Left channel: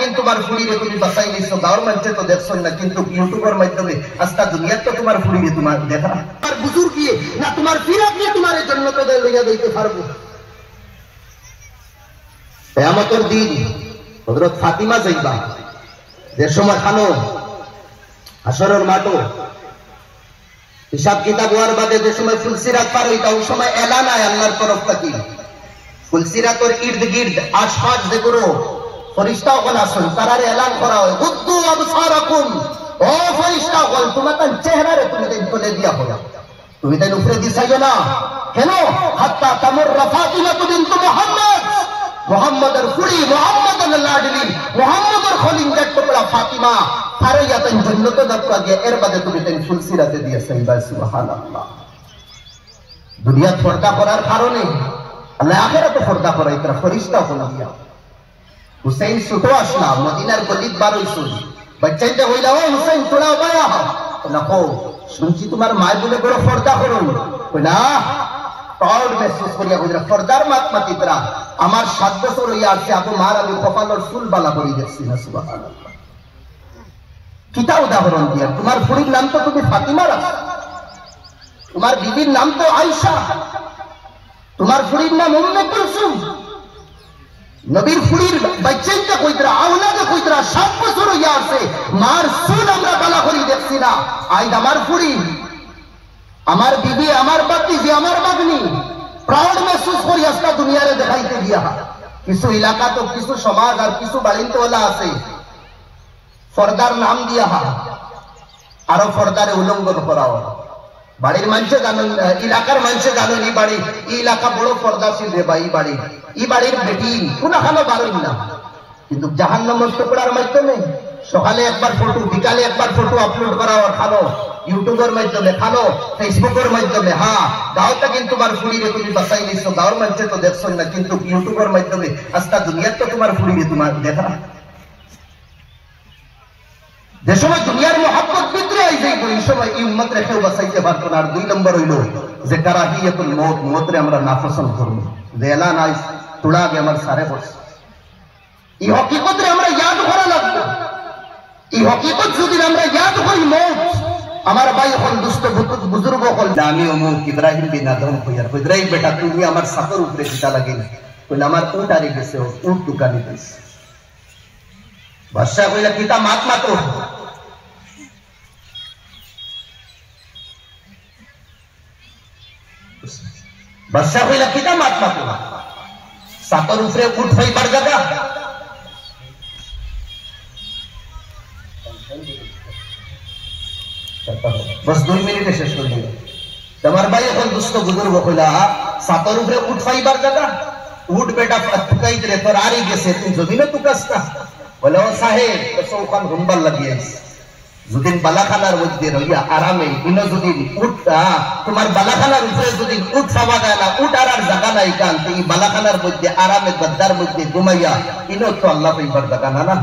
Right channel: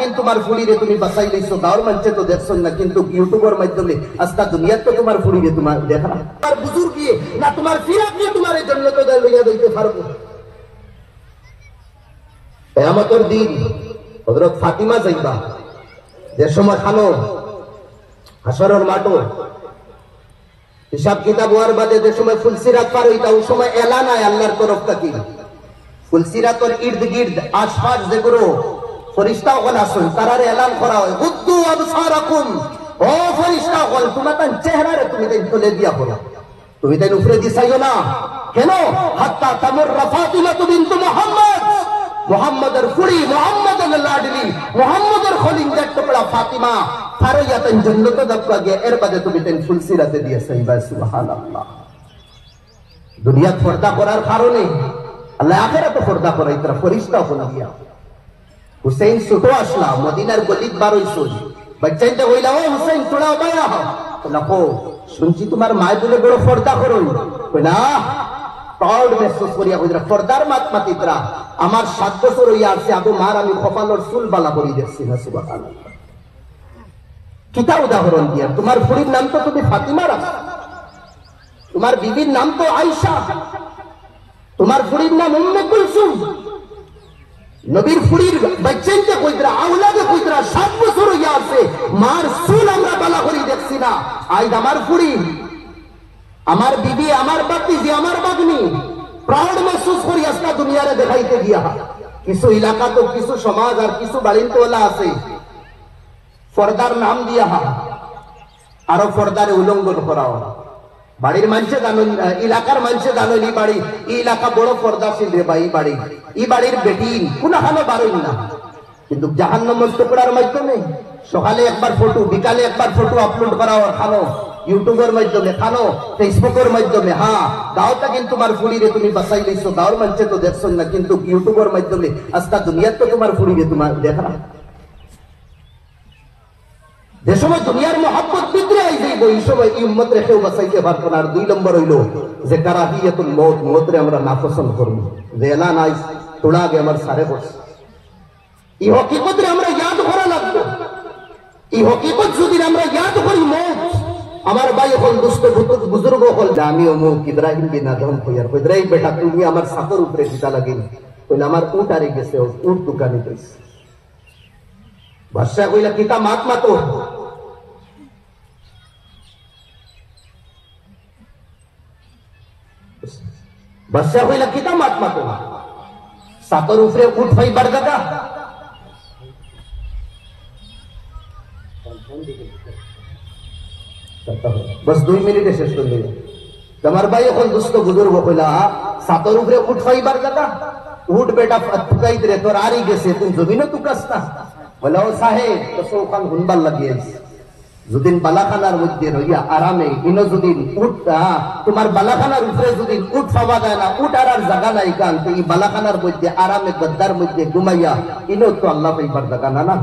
কিন্তু তোমার ফুড়িরে তুমি বাঁচাই লইছো, গাঁর মানুষে তো দেখছো না, কিন্তু ইউটিউবের মাধ্যমে আজকা দুনিয়াতে তো তোমার ফুড়িরে তোমার দেখা তোমার বুজুর্গ গিয়ে না তোমার ফিরাত নিয়ে তোমার জন্য তো লইয়া দিতে পারবো। কিয়ামতের দিন হযরত ফাতিমা যাইবা, যে সময় খানো হাসরের মাঠে হিসাব কিতাব হওয়ার বাদে যে সময় ফুলসিরাত পার হইতা, ওই সময় এলান হয় আল্লাহর তরফ থেকে। ফুলসিরাতের ইর্দ গির্দ আশপাশ দেখো ফেরেশতাগণ আছেন, তারার এলান করা হয়, গুদ্দু আবসারাকুম, ও ফেরেশতাগণ তোমরা তার চেহারারে তুমি তুলে দিয়া হলো, তুমি তাই উপরে দিছাইও না কেন? হাত্তা তামুররা ফাতিমা বিনতু মুহাম্মদ, মুহাম্মদের ফুড়ি, মুহাম্মদের লাডলি, মুহাম্মদের খলিঙ্গার টুকরা ফাতিমা ফারাইয়াতেন জান্নাতে যাত্রা গিয়ে এর বাদে তুমি তাই ফুলসিরাতে দিয়েছেন। সুবহানাল্লাহ। দুনিয়া পর্দা করার কারণে আল্লাহ আখিরাতে পর্দা করাই, তারা ফেরেশতা হলো দিয়া। হুসাইন ছোট আসলা মদিনার গলিত বার হইছো, বাচ্চাইতে হইলা ও হুসাইন তোরা বায়া দেখো শুনছি তোমার মায় বলে বড় পর্দা করুন না, প্রাউড মেহসুস করিয়া বুঝরা পর্দার মাতমাতিতরা আমার 7 বছর হইয়া আছে, আবু মার আমি কপালের চুল বালা করি দেখছি না। সুবহানাল্লাহ। কিতা উদাহরণ দিয়া, তোমার ফুড়ির নাম তো তুমি ফাতিমা রাখা, তোমার বিবির নাম তো আয়েশা, তোমার ফুড়ির নাম উম্মে কুলসুম, নবীর ফুড়ির বাচ্চাইতে কইতরা আওলাদে কইতরা 7 বছর হইয়া আছে, মার চুল আমরা বালা করি দেখছি না। আইদ আমার ফুড়ি, আমার বিবি, আমার বাতিজি, আমার বাগনি প্রাউড মেহসুস করি আজকে দুনিয়ারে দেখাইতে গিয়া। কিছু এলাকা তো কিছু সমাজ আর কিছু বাড়িওয়ালা আছে পর্দার নাম দিয়া আরো পর্দারে উল্লঙ্ঘন করাও। বাড়ির মানুষে জানেন, এলাকার মানুষে জানেন এই বাড়ি এই এলাকা বড় পর্দাশীল রে বা এই বাড়ির বেটি কোন হালো বাড়েন না, কিন্তু জাহান্নামের টুকরার মাধ্যমে সকালে একবার ফটো, বিকালে একবার ফটো আপলোড করা খানো, ইউটিউবের মাধ্যমে খানো, ফেসবুকের মাধ্যমে। হ্যাঁ গাঁওটা কিন্তু তোমার ফুড়িরে তুমি বাঁচাই লইছো, গাঁর মানুষে তো দেখছো না, কিন্তু ইউটিউবের মাধ্যমে আজকা দুনিয়াতে তোমার ফুড়িরে তোমার দেখা। যে সময় দুনিয়ার মহব্বত ভিতরে আই যাইব, এই সময় এই উম্মত রেখেও বাঁচাইতে পারতো না। আর 2 নম্বর হইল যে কারাহিয়াতুল মউত, মউতরে আমরা নাপসন্দ করব, যে এলান আইস তোড়া আগে আমার সারে বস। এই হকিকতরে আমরা ইয়াদ করা লাগবে। এই হকিকত যদি আমরা ইয়াদ করি, মউত আমার ভাই হল, দুষ্ট বুজুর্গ হল, আমি অমুক ইব্রাহিম বিন আদম কইয়ার কইরাই বেটা তুমি আমার সাকর উপরে দিতা লাগিল, কইলা আমার উট আরে গেছে, উট দোকানে গেছে। বাদশা কইলা কিতা মাত না তো, বাদশা কইলা কিতা মাত না তো, সাকর উপরে উট ফাইবার জায়গা बस 2 मिनिटे শেষ করে দিল। তোমার ভাই এখন দুষ্ট বুজুর্গ কইলা সাতর উপরে উঠ ফাইবার জায়গা, উঠ বেটা ফুকাই দিলে তোর আরি গেছে, তুমি জমিনে তুকাস্তা বলে ও সাহেব কসৌখান হুনবার লাগিয়েছে, যদিন বালাখানার মধ্যে রইয়া আরামে ইনো যদি উঠ তোমার বালাখানার উপরে যদি উঠ সাবা যায় না, উঠ আর জায়গা নাই কান, এই বালাখানার মধ্যে আরামে গদ্দার মধ্যে ঘুমাইয়া ইনো তো আল্লাহ পাইবার জায়গা না না।